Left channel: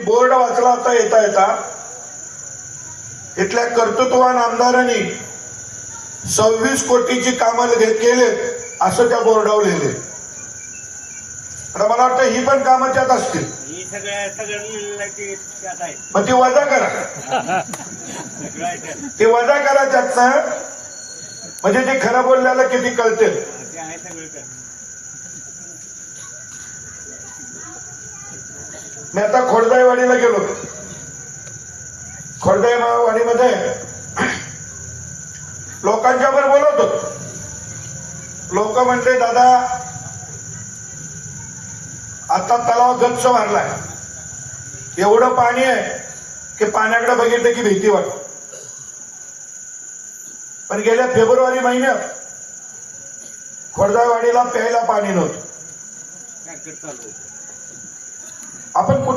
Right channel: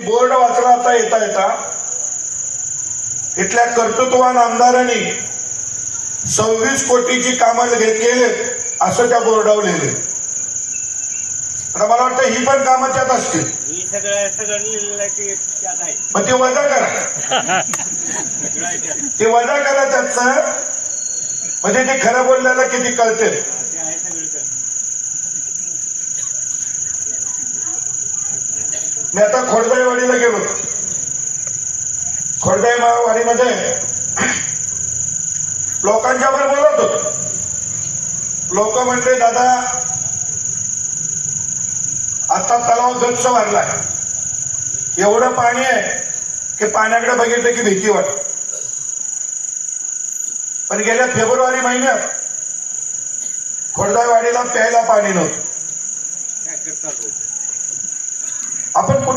Board वाचला आता येता येता. इथल्या कर्तृत्वान आमदारांनी सव्वीस कोटीची कामं घे- केलेत असं त्या बोर्डावर लिहिले आता मला वाटतं ही पण कामं त्यात असतील. ही मग ती वजा करा. ते वजा करा त्याचं म्हणजे ते खरं बोलल्याला किती कळते ते आहे सगळं त्यात मी आता खोडदाईवाडीला गेलो. खोडदाईवाडीमध्ये लोकांच्या बरोबर बोलत होतो. लोक म्हणते दादा आता तलाव गच्च भरला एवढं पाणी आहे की पाण्याकडे बघितलं की भीती वाटत. पण गेल्या फेब्रुवारी महिन्यात खोडदाईवाडीला प्यायला पाणी नव्हतं. आपण कुठल्या तालुक्यात